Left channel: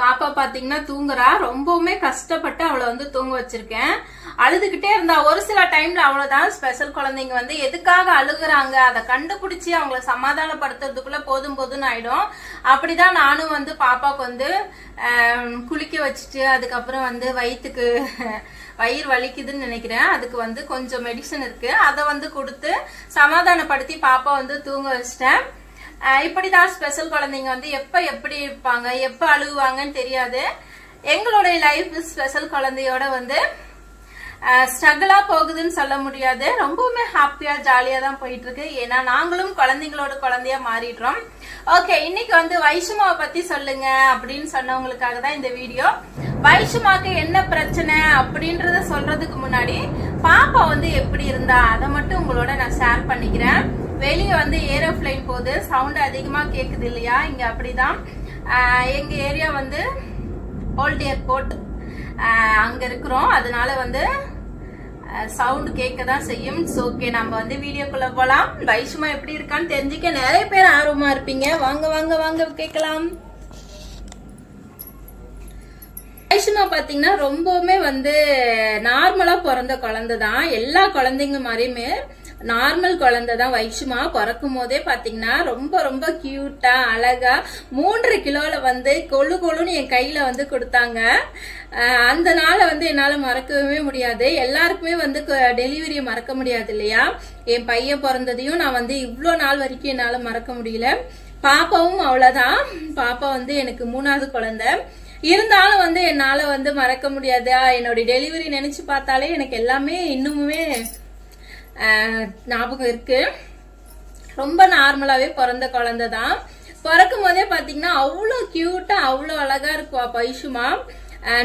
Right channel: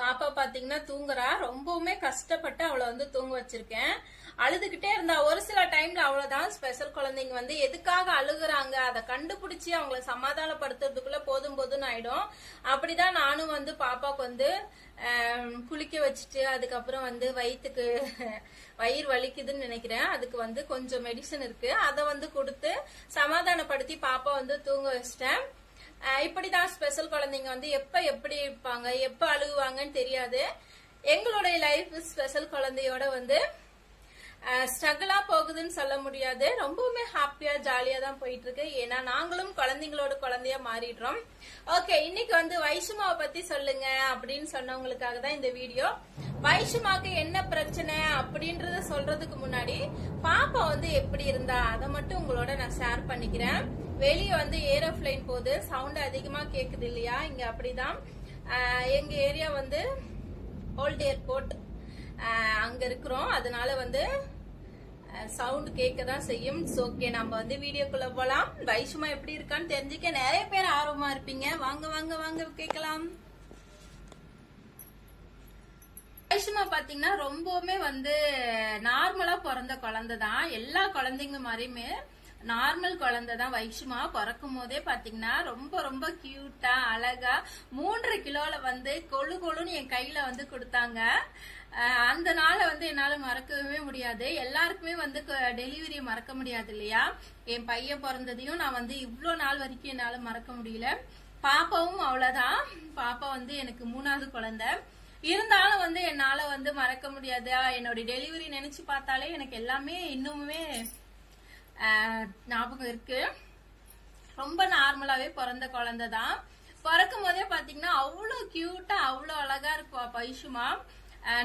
பாப்பா பாத்தீங்கன்னா தூங்குறா. ரொம்பவுமே கஷ்டப்பட்டு அவளை வந்து தூங்க வச்சிருக்கேன். அழுதுகிட்டே இருந்தா. ஒரு சில டைம்ல அவ்வளவுதான் ஸ்பெஷல் குழந்தைங்க வந்து எதுக்காக அழுகுறாங்க அதை கண்டுபிடிச்சி அவங்கள சமாதானப்படுத்துறதுக்குள்ள போதும் போதும்னு ஆயிடும். அப்படிதான் நானும் வந்து பாப்பாக்கு வந்து குளிக்க வச்சுட்டு அதுக்கப்புறம் வந்து வயிற்றுக்கு வயிறு வலிக்குதுன்னு நினைக்கிறேன். அதுக்கு வந்து கொஞ்சம் மெடிசன் இருக்கு, அதை வந்து கொடுத்து சமாதானப்படுத்தி பாப்பா வந்து தூங்க வச்சிட்டேன். இப்படிதான் ஸ்பெஷல் குழந்தைங்க வந்து எப்ப எப்படி இருப்பாங்க, எப்ப அழுகுவாங்கன்னு தெரியாது. எங்களுடைய லைஃப் ஸ்பெஷல் குழந்தையோட வந்து ஸ்ட்ரகிளா போகுதுன்னு சொல்ல முடியாது. ரொம்பவுமே ஹாப்பியா ஜாலியா தான் போயிட்டு இருக்கு. ஏன்னா நாங்களும் குழந்தைங்களோட குழந்தையா மாறிடுறோம். ஓகே, இன்னைக்கு வந்து வைஷுமாவை பத்தி சொல்லுங்க அப்படின்னு சொன்னவங்களுக்காக தான் இந்த வீடியோ. வைஷுமாக்கு என்ன பிரச்சனை அப்படின்றத சொல்றதுக்கு முன்னாடி பாப்பா வந்து எப்படி இருந்தா அதை மட்டும் உங்களோட நான் ஷேர் பண்ணிக்கிறேன். வெளியே வந்து ஏரோப்ளைன் போகுது, சவுண்ட் அதிகமா கேக்குது இல்லையா? இங்க அப்படிதான். எங்க ஏரியா வந்து ஓல்ட் ஏர்போர்ட் அங்க இருக்கிறோம். அதனால வந்து சவுண்ட் கேட்க தான் செய்யும். ஓகே, நம்ம வந்து வீடியோக்குள்ள போலாம். வைஷுமா எப்படி இருக்கான்னு தெரிஞ்சுக்க நிறைய பேர் ஆர்வமா இருப்பீங்க. வாங்க வாங்க வாங்க கேட்கலாம். வைஷுமா பாத்தீங்கன்னா ரொம்பவுமே வந்து நார்மலா பிறந்த குழந்தை தான். எல்லா குழந்தைங்க மாதிரியுமே நார்மல் குழந்தை தான். வைஷுமா பிறக்கும் போதே பாத்தீங்கன்னா ரொம்ப ரொம்ப கியூட்டா அழகா 3 கிலோல வந்து கொழு கொழுன்னு என் கையில வந்து கொடுத்தாங்க. அந்த நாளை வந்து என்னால மறக்கவே முடியாது. எல்லாருக்குமே வந்து டெலிவரியை மறக்க முடியாது இல்லையா? என் பையன் பிறந்ததையும் நான் வந்து இவ்வளோ நாள் வரைக்கும் என்னால மறக்க முடியல. பாப்பாவும் அவ்வளவுதான். பாப்பா வந்து எனக்கு 3வது குழந்தை. இருந்தாலும் வந்து என்னால வந்து மறக்க முடியாது. என்னோட டெலிவரி நினைச்சு பார்த்தாலே எனக்கு எல்லாமே இன்னுமே ஞாபகம் இருக்கு. ரொம்ப நார்மலாவே பிறந்த குழந்தை தான். பிறக்கும் போதே பாத்தீங்கன்னா அவ்வளோ கியூட்டா அவ்வளோ அழகா இருக்குவா வைஷுமா.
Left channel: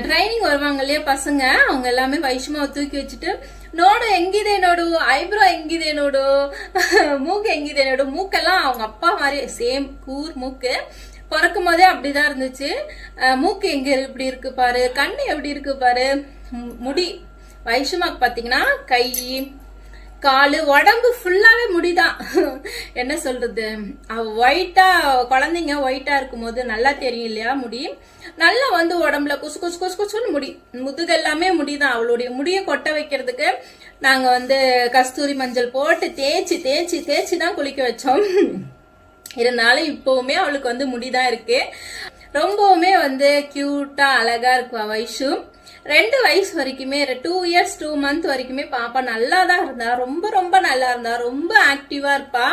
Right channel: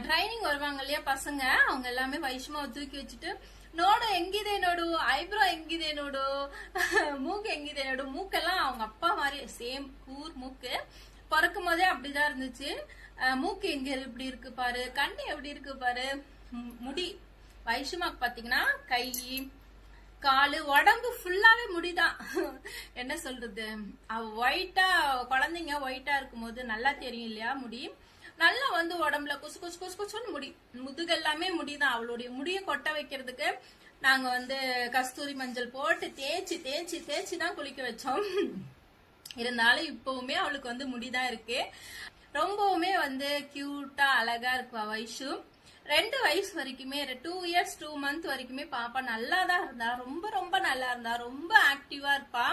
ட்ரைனிங் வருவாங்க இல்லையா பசங்க, அவங்க எல்லாமே வைஷுமாவை தூக்கி வச்சுட்டு நோடு எங்கிதே நோடு, ஐப்ரோ எங்கிதே நோடு, மூக்கு எங்கிதே நோடு. மூக்கெல்லாம் அவங்க அப்பா மாதிரி சேம் கூர் மூக்கு. பிறக்கும் போதே அப்படிதான் இருந்துச்சு. மூக்கு எங்க இப்படி இருக்கு பாரு, கண்ணு எப்படி இருக்கு பாரு, முடி வைஷுமாக்கு பாத்தீங்கன்னா கை காலு உடம்பு ஃபுல்லாவே முடிதான். என்ன சொல்றது, ஒயிட்டா குழந்தைங்க ஒயிட்டா இருக்கும் போது நல்லா தெரியும் இல்லையா? முடி நல்லா வந்து உடம்புல குசு குசு குசு குசுன்னு முடி, முதுகு எல்லாமே முடிதான். அவளுடைய முடியை கொட்ட வைக்கிறதுக்கு நாங்க வந்து கஸ்தூரி மஞ்சள் போட்டு தேய்ச்சி தேய்ச்சி தேய்ச்சி தான் குளிக்க வச்சோம். இருந்தாலும் இப்பவுமே அவளுக்கு வந்து முடிதான் இருக்கு. ரொம்பவுமே வந்து கியூட்டா அழகா இருக்குவா வைஷு. 2 வயசு வரைக்குமே 2 இயர்ஸ் 2 மந்த் வரைக்குமே பாப்பா நல்லா தான் இருந்தா. ரொம்ப ரொம்ப நல்லா இருந்தா. ரொம்ப ஆக்டிவா இருப்பா.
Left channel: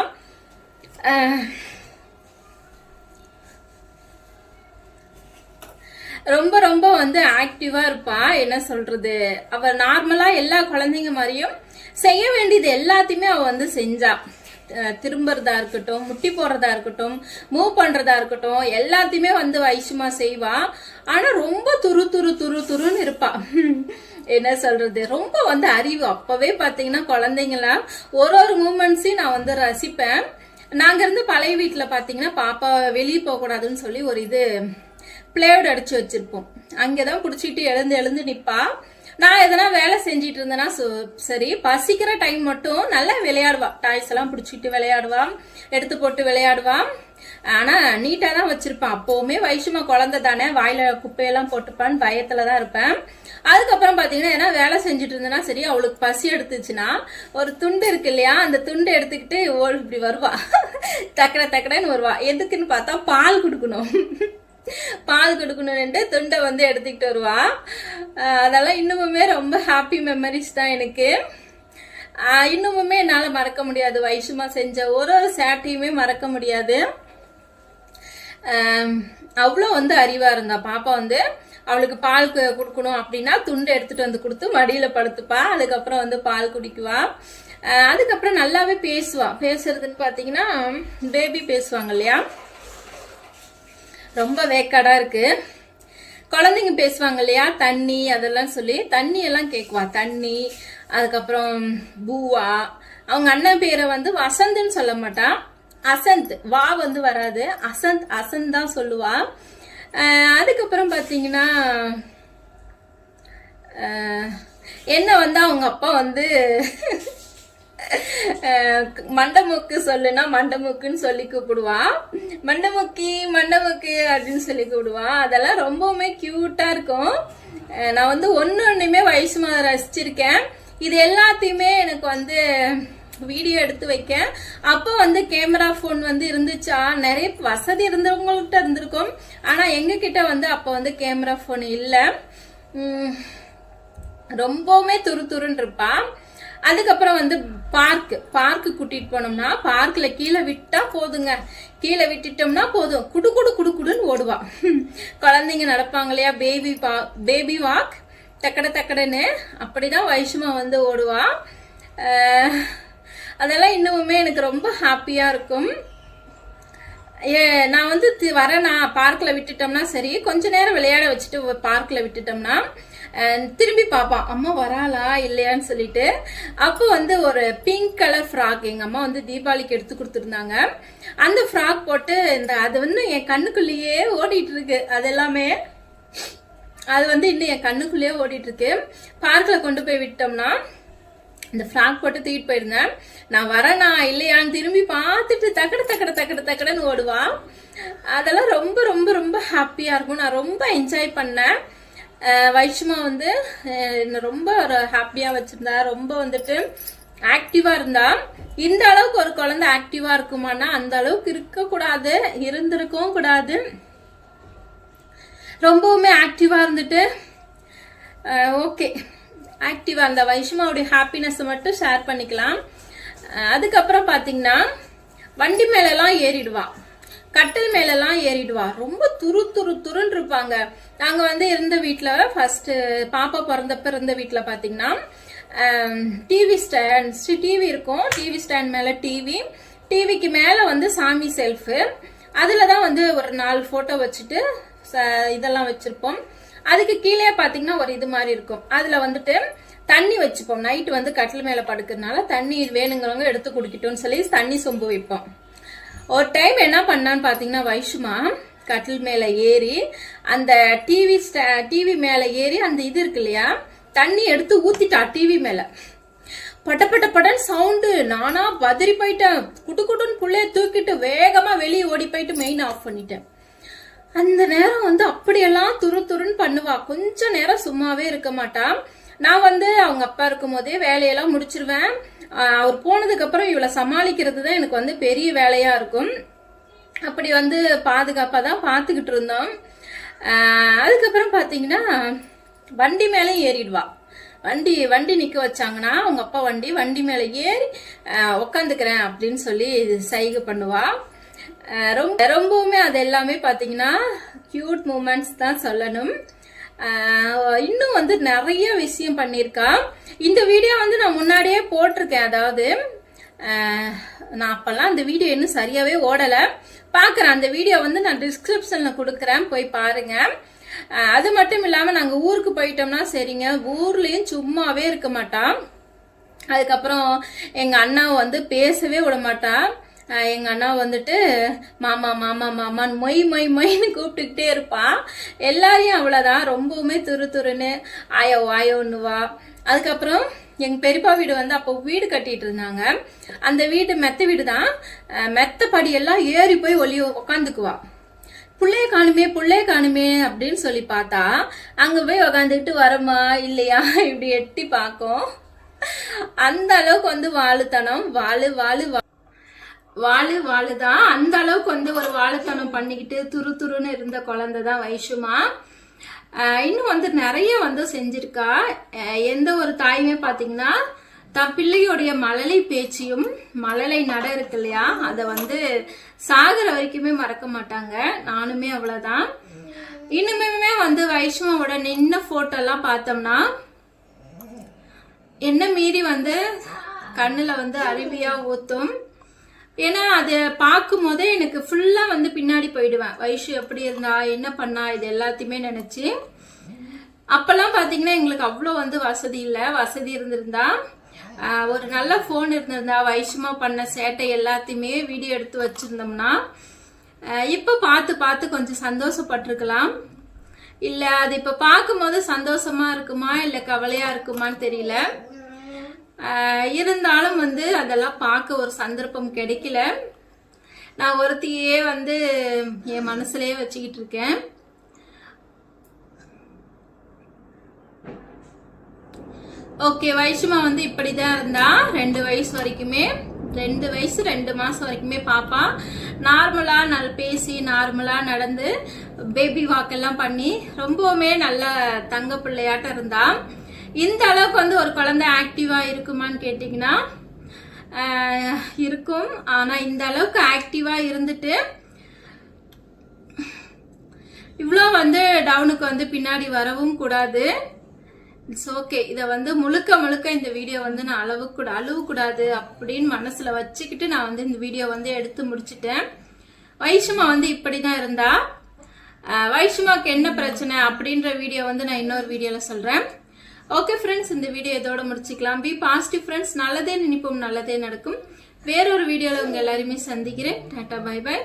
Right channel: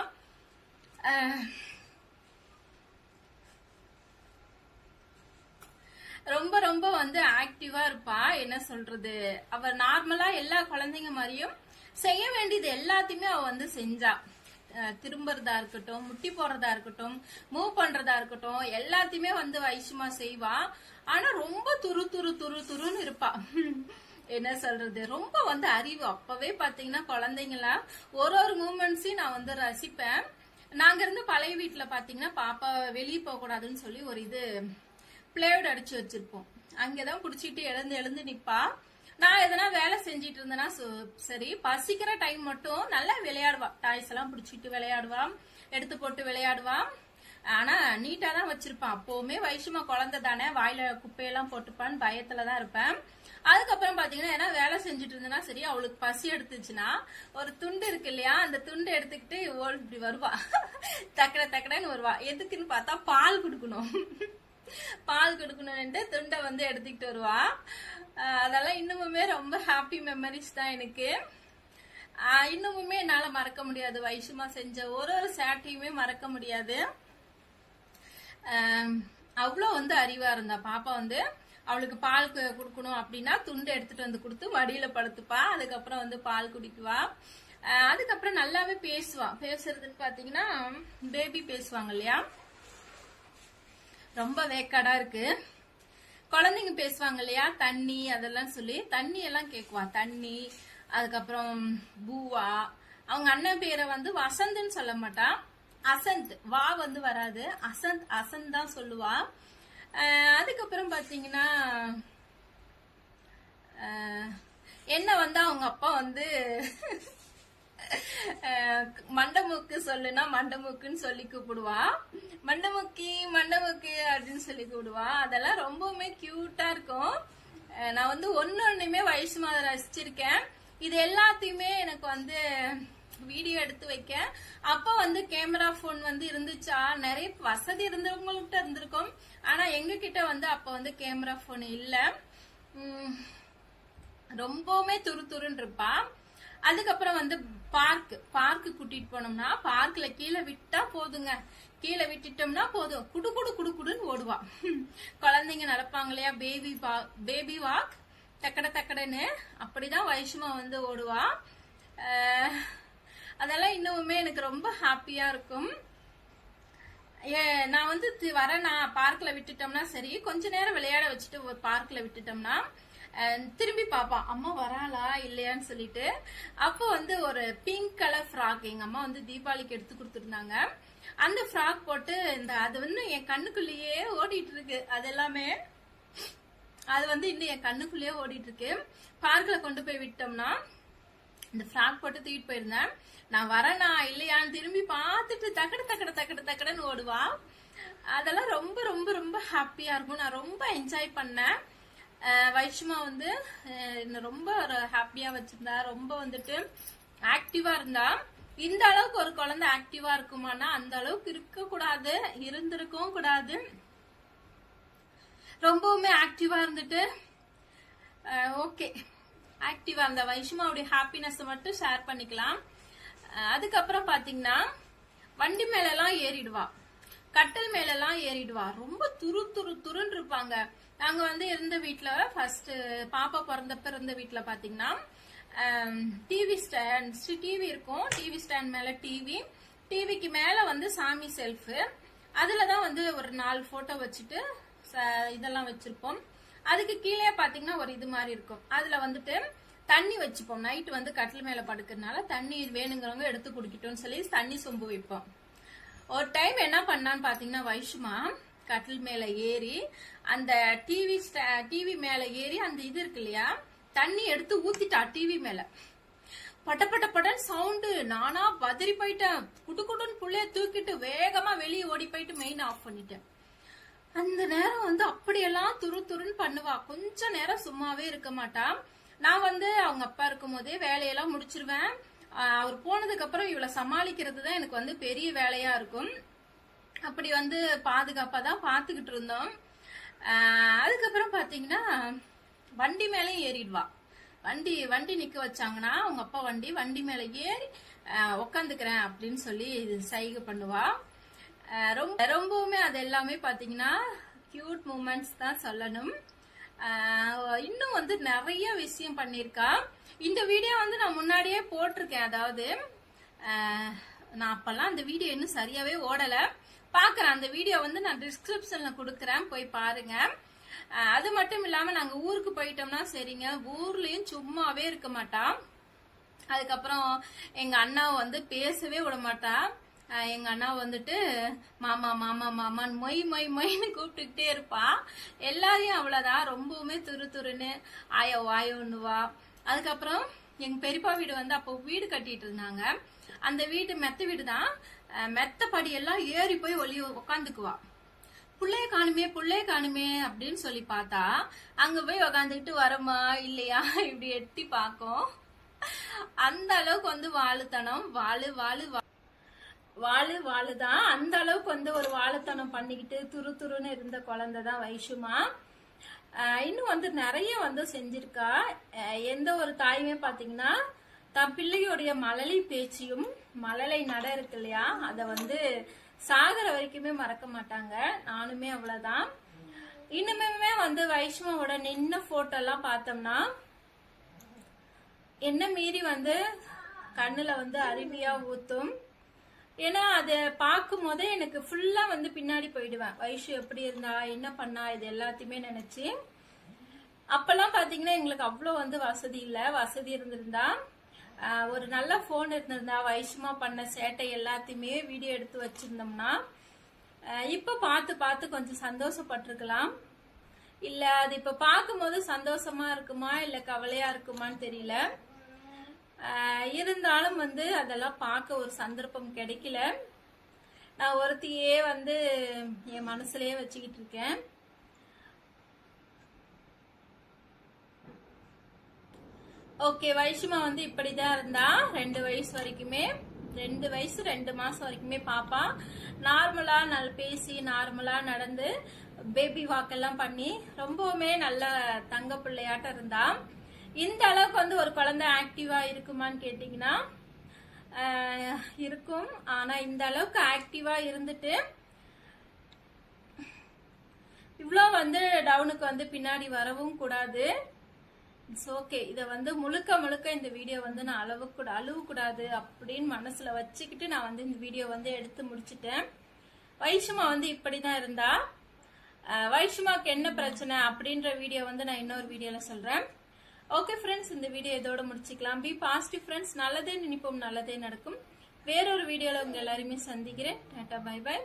ரொம்ப ரொம்ப வந்து ஆக்டிவா இருப்பா. என்ன சொல்றது, அவ நார்மலா எல்லா குழந்தைங்க மாதிரியும் செய்ய வேண்டியது எல்லாத்தையுமே அவ வந்து செஞ்சா. திரும்புறதா இருக்கட்டும், முட்டி போடுறதா இருக்கட்டும், மூவ் பண்றதா இருக்கட்டும், எல்லாத்தையுமே வந்து வைஷுமா செய்வா. ஆனா ரொம்ப துரு துரு துரு துருன்னு இருப்பா. என்ன சொல்றது, ரொம்ப வந்து அறிவு. அப்பவே பாத்தீங்கன்னா குழந்தைங்களா ஒரு மூமெண்ட்ஸையும் நான் வந்து ரசிப்பேன். நாங்க இருந்து பழைய வீட்டுல பாத்தீங்கன்னா பாப்பா வெளியே போக கூடாதுன்னு சொல்லி ஒரு இது பிளேவுட் அடிச்சு வச்சிருப்போம். அங்கதான் குடிச்சிட்டு எழுந்து எழுந்து நிப்பா. நான் எதனா வேலை செஞ்சிட்டு இருந்தேன்னா சரி, பசிக்கிற டைம் மட்டும் நல்லா விளையாடுவா. டாய்ஸ் எல்லாம் பிடிச்சிட்டு விளையாடுவா, எடுத்து போட்டு விளையாடுவா. ஆனா நீட்டா தான் வச்சிருப்பான். அப்பவுமே வைஷுமா குழந்தை தானே, வாயில குப்பையெல்லாம் போட்டுப்பான்னு பயத்துலதான் இருப்பேன். அதுக்கப்புறம் பாத்தீங்கன்னா ஏன்னா வேலை செஞ்சுட்டு இருந்தேன்னா சரி, அவளுக்கு பசி எடுத்துச்சுன்னா ஒரு துண்டு இருக்கு இல்லையா, அந்த துண்டு எடுத்துக்கிட்டு இப்படி வருவா. தக்கட தக்கடன்னு வருவா. எதுக்குன்னு பார்த்தா பால் கொடுக்கணும். பால் கொடுக்கணும்னுட்டு துண்டை வந்து எடுத்துக்கிட்டு வருவா. அதெல்லாம் இன்னுமுமே ரொம்ப ஹாப்பி மெமரிஸ் தான் எனக்கு. இன்னுமுமே என்னால மறக்க முடியாது. வைஷுமா செஞ்ச ஒரு சேட்டையுமே மறக்க முடியாது. அவ்வளோ வந்து அறிவா இருந்தா பாப்பா. வந்து அவளுக்கு பால் கொடுக்கணும் அப்படின்னா துண்டை எடுத்துட்டு வந்து கொடுத்து மடியில படுத்துப்பா. அதுக்கப்புறம் வந்து பால் குடிக்குவா. அதுக்கப்புறம் நல்லாவே பேசுவா. பேசுறதுன்னு பாத்தீங்கன்னா பேபி பேசுவாங்க இல்லையா, ரொம்ப வேக்காடா இருக்கு. குழந்தைங்க பேசுவாங்க இல்லையா, தண்ணி அதெல்லாம் சொல்லி தண்ணி எல்லாம் கேக்குவா. தண்ணி, அதுக்கப்புறம் பூவா. அவங்க அண்ணன் பேரை வந்து வசந்த்னு சொல்ல மாட்டா, அசந்த். வா வந்து வராது, அசந்த் அசந்த் தான் சொல்லுவா. அதுக்கப்புறம் பாத்தீங்கன்னா என்ன வந்து அவங்க அப்பா வந்து மண்டமுக்கு சொல்லுனா மண்டமுக்குன்னு சொல்லி கூப்பிடுவா. மண்டமுக்கி மண்டமுக்கு அப்படின்னு சொல்லி கூப்பிடுவா. அதெல்லாம் ரொம்பவுமே கியூட்டா இருக்கும். நான் வந்து ஒன்னொன்னுமே வைஷ்மா ரசிச்சிருக்கேன். இது எல்லாத்தையுமே எனக்கு வந்து வீடியோ எடுத்து வைக்க. அப்போ வந்து கேமரா போன் வந்து இருந்துச்சா, நிறைய வசதி இருந்தவங்கள்ட்ட இருந்திருக்கும். ஆனா எங்க கிட்ட வந்து அப்போ வந்து கேமரா போன் இல்ல. ரொம்பவுமே துருன்னு இருப்பா. அதுக்கப்புறம் வந்து பார்க்கு கூட்டிட்டு போனோம்னா பார்க்ல கீழே விட்டா போதுங்க. கீழே விட்டுட்டோம்னா போதும், குடு குடு குடு குடுன்னு ஓடுவா. குழந்தைங்க நடப்பாங்க இல்லையா, பேபி வாக், தக்கடன்னு அப்படிதான் வைஷ்மா வந்து ஓடுவா. அதெல்லாம் இன்னுமே எனக்கு ரொம்ப ஹாப்பியா இருக்கும். நான் வந்து நான் பார்க்ல விட்டுட்டோம்னா சரி, கொஞ்ச நேரம் விளையாட வச்சுட்டு பார்க்ல விட்டுட்டோம்னா திரும்பி பாப்பான் அம்மா வராளா இல்லையான்னு சொல்லிட்டு. அப்போ வந்து ஒரு பிங்க் கலர் ஃப்ராக் எங்க அம்மா வந்து தீபாவளிக்கு எடுத்து கொடுத்துருந்தாங்க. அந்த ஃப்ராக் போட்டு அது வந்து என் கண்ணுக்குள்ளேயே ஓடிட்டு இருக்கு. அது எல்லாமே அது வந்து இன்னும் என் கண்ணுக்குள்ளேயே ஓடிட்டு இருக்கு. பார்க்ல கொண்டு போய் விட்டோம்னா இந்த ஃப்ராக் போட்டு தூக்கிட்டு போயிருந்தேன். நான் வரேனா இல்லையான்னு திரும்பி பார்த்துட்டு தக்கடன்னு ஓடுவா. அதெல்லாம் ரொம்ப ரொம்ப ரொம்ப ஹாப்பியா இருக்கும். நான் ரொம்ப என்ஜாய் பண்ணேன். வைஷ்மா வந்து ரொம்ப ஹாப்பியா வச்சிருந்தா. ரொம்ப வந்துட்டு ஆக்டிவா இருந்தா. இந்த அளவுக்கு ஒரு குழந்தை ஆக்டிவா இருக்குமானா அந்த அளவுக்கு இருக்க கூடாது, இருந்திருக்கவும் கூடாது. ரொம்பவுமே ஆக்டிவா இருந்துட்டு ஓகே, ஆக்டிவா அந்த வைஷ்மாவுடைய ஹாப்பினஸ் மட்டும் ஷேர் பண்ணிக்கலாம். அதுக்கப்புறம் பாத்தீங்கன்னா வண்டி மேலெல்லாம் ஏறிடுவா, கட்டில் மேலெல்லாம் ஏறிடுவா. ரொம்ப துருன்னு இருப்பாங்க. நாங்க வந்து இருந்த வீட்டுல ஃபர்ஸ்ட் பாப்பா பிறந்தப்ப இருந்த வீட்டுல பாத்தீங்கன்னா டிவி இருக்கும். டிவி ஸ்டாண்ட் மேல டிவிக்கு மேல வந்து சாமி செல்ஃப், அதுலதான் வந்து ஒரு 4 போட்டோ வச்சுட்டு இதெல்லாம் வச்சிருப்போம். அதுக்கு கீழே பாத்தீங்கன்னா ஒரு இது மாதிரி இருக்கும். அதுல வந்துட்டு தண்ணி வச்சுப்போம். நைட்டு வந்து கட்டில் மேல படுக்கிறதுனால தண்ணி வேணுங்கிறவங்க எடுத்து குடிக்கட்டும்னு சொல்லி தண்ணி சொம்பு வைப்போம். ஒரு டைம் என்ன பண்ணான்னு பாத்தீங்கன்னா வைஷ்மா கட்டில் மேல ஏறி அந்த டிவி மேல ஏறி அந்த இது இருக்கு இல்லையா, தண்ணி எடுத்து ஊத்திட்டா டிவி மேல. பட்டன்னு சவுண்டு. நானா பதறி போயிட்டேன். குடுன்னு புள்ளைய தூக்கிட்டு வேகமா வெளியே ஓடி போயிட்டு மெயின் ஆஃப் பண்ணிட்டேன். அந்த நேரம் வந்து அப்படியெல்லாம் துருன்னு பண்ணுவா. கொஞ்ச நேரம் சும்மாவே இருக்க மாட்டா. நான் வந்து அவங்க அப்பா இருக்கும் போதே வேலையெல்லாம் முடிச்சிருவேன். அவர் போனதுக்கு அப்புறம் இவளை சமாளிக்கிறது தான் எனக்கு வந்து பெரிய வேலையா இருக்கும். அப்படி வந்து பாதுகாப்பா தான் பாத்துக்கிட்டு இருந்தோம். அதுக்கப்புறம் பாத்தீங்கன்னா வண்டி மேலே ஏறிடுவா. வண்டி நிக்க வச்சாங்கன்னா அவங்க அப்பா வண்டி மேல ஏறி உக்காந்துக்கிறேன் அப்படின்னு சொல்லி சைகை பண்ணுவா. ரொம்பவுமே அது எல்லாமே பாத்தீங்கன்னா கியூட் மூமெண்ட்ஸ் தான் சொல்லணும். இன்னும் வந்து நிறைய விஷயம் பண்ணிருக்கா. இந்த வீடியோ வந்து நான் முன்னாடியே போட்டிருக்கேன். அதாவது நான் அப்பெல்லாம் அந்த வீடியோ இன்னும் சரியாவே ஓடல. பாக்குறேன் அந்த வீடியோ வந்து நான் டிஸ்கிரிப்ஷன்ல கொடுக்குறேன், போய் பாருங்க. அது மட்டும் இல்லாம நாங்க ஊருக்கு போயிட்டோம்னா சரிங்க, ஊர்லயும் சும்மாவே இருக்க மாட்டா. அதுக்கப்புறம் எங்க அண்ணாவை வந்து பேசவே விட மாட்டா. எங்க அண்ணா வந்துட்டு மாமா மாமா மாமான்னு மொய்ன்னு கூப்பிட்டுக்கிட்டே இருப்பா. எல்லாரையும் அவ்வளவுதான், ரொம்பவுமே துருன்னு ஆயோன்னுவா. அதுக்கப்புறம் எங்க பெரியப்பா வீடு வந்து அப்போ வீடு கட்டிட்டு இருந்தாங்க. அந்த வீடு மெத்த வீடு தான். மெத்த படியெல்லாம் ஏறி போய் உக்காந்துக்குவா. புள்ளைய காணுமே அப்படின்னு சொல்லி பார்த்தா அங்க போய் உக்காந்துக்கிட்டு வரமா இல்லையா இப்படி எட்டி பார்க்கும். அந்த அளவுக்கு வந்து வாழுத்தனம், வாழுதான். அந்த அளவுக்கு வந்து ஒரு வாழுத்தனம் பண்ணிக்கிட்டு துருன்னு இருந்த குழந்தை தான் வைஷ்மா. இன்னும் வந்து நிறைய வந்து செஞ்சிருக்கா. எந்த ஒரு தாயுமே பாத்தீங்கன்னா தன் பிள்ளையோடைய மழலை பேச்சியும் மழலை நட இருக்கு இல்லையா, அதை வந்து சாகர வரைக்குமே மறக்க மாட்டாங்க. நானுமே அவ்வளவுதான். இன்னுமே வந்து வைஷ்மாவோட நின்ன போட்டோ எல்லாம் பார்த்தோம்னா என்ன மீறி வந்து கண்ணுல வந்து அருவியா ஊத்தும். ஏன்னா அதை பார்க்கும் போதே எனக்கு ஃபுல்லா வந்து பின்னாடி போயிடுவேன். வைஷு எப்படி இருந்தா, என்ன பண்ணா, இது எல்லாத்தையுமே நினைச்சு. அப்பெல்லாம் பாத்தீங்கன்னா எங்களுக்கு அவ்வளோ வந்து வசதி இல்லை. வசதி இருந்திருந்தா ஒரு நல்ல போன் இருந்திருந்தா வைஷ்மா பண்ண சேட்டை எல்லாத்தையுமே வீடியோ எடுத்து வச்சிருந்தோம்னா இப்ப பார்த்து கொஞ்சம் சந்தோஷப்பட்டிருக்கலாம். இல்ல அது இப்ப பார்க்கும் போது சந்தோஷமா இருக்குமா இல்ல கவலையா இருக்குமான்னு தெரியல. இருந்தாலும் வந்து அதெல்லாம் பார்க்க ஒரு சந்தர்ப்பம் கிடைக்கல. நான் ஒருத்தையே வந்து என் மனசுலயே வச்சுக்கிட்டு இருக்கேன். ஓகே, வைஷுமா வந்து இப்படிதான் இருந்தா 2 வயசு வரைக்குமே, 2 வயசு 2 மாசம் வரைக்குமே பாப்பா நார்மலா பேசி நார்மலா நடந்து பேபி வாக் எல்லாம் பண்ணி ரொம்பவுமே நல்ல தங்க பிள்ளையாட்டம் இருந்தா. இந்த அளவுக்கு வந்து ஒரு குழந்தை ஆக்டிவா இருக்குமான்னு கேட்டீங்கன்னா இருக்கும். ஆனா இந்த அளவுக்கு ஆக்டிவா இருந்துட்டு இவ்வளோ வந்து டவுனுக்கு வந்து பின்னாடி வரவும் கூடாது. It's okay. இதை வந்து முழுக்க இந்த வீடியோ வந்து நான் அழுவக்கூடாது அப்படின்னு மனசுல வச்சுக்கிட்டு நான் வந்து இந்த வீடியோ வந்து எடுத்து முடிச்சிட்டேன். வைஷுமா வந்து இப்படிதான் இருந்தா. வைஷுமாக்கு என்ன பிரச்சனை அப்படின்ற வீடியோ வந்து நான் இன்னொரு வீடியோல சொல்றேன். ஓகே ஃப்ரெண்ட்ஸ், இந்த வீடியோ இதோட முடிச்சுக்கலாம். Be positive friends. நல்லதே நினைப்போம், நல்லதே நடக்கும். வேறொரு வீடியோல உங்க எல்லாருமே சந்திக்கிறேன். டாடா பை பை.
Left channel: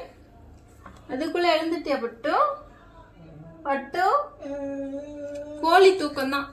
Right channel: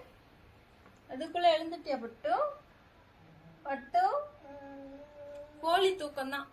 அதுக்குள்ள எழுந்துட்டியா பட்டு? கோழி தூக்கம் தான்.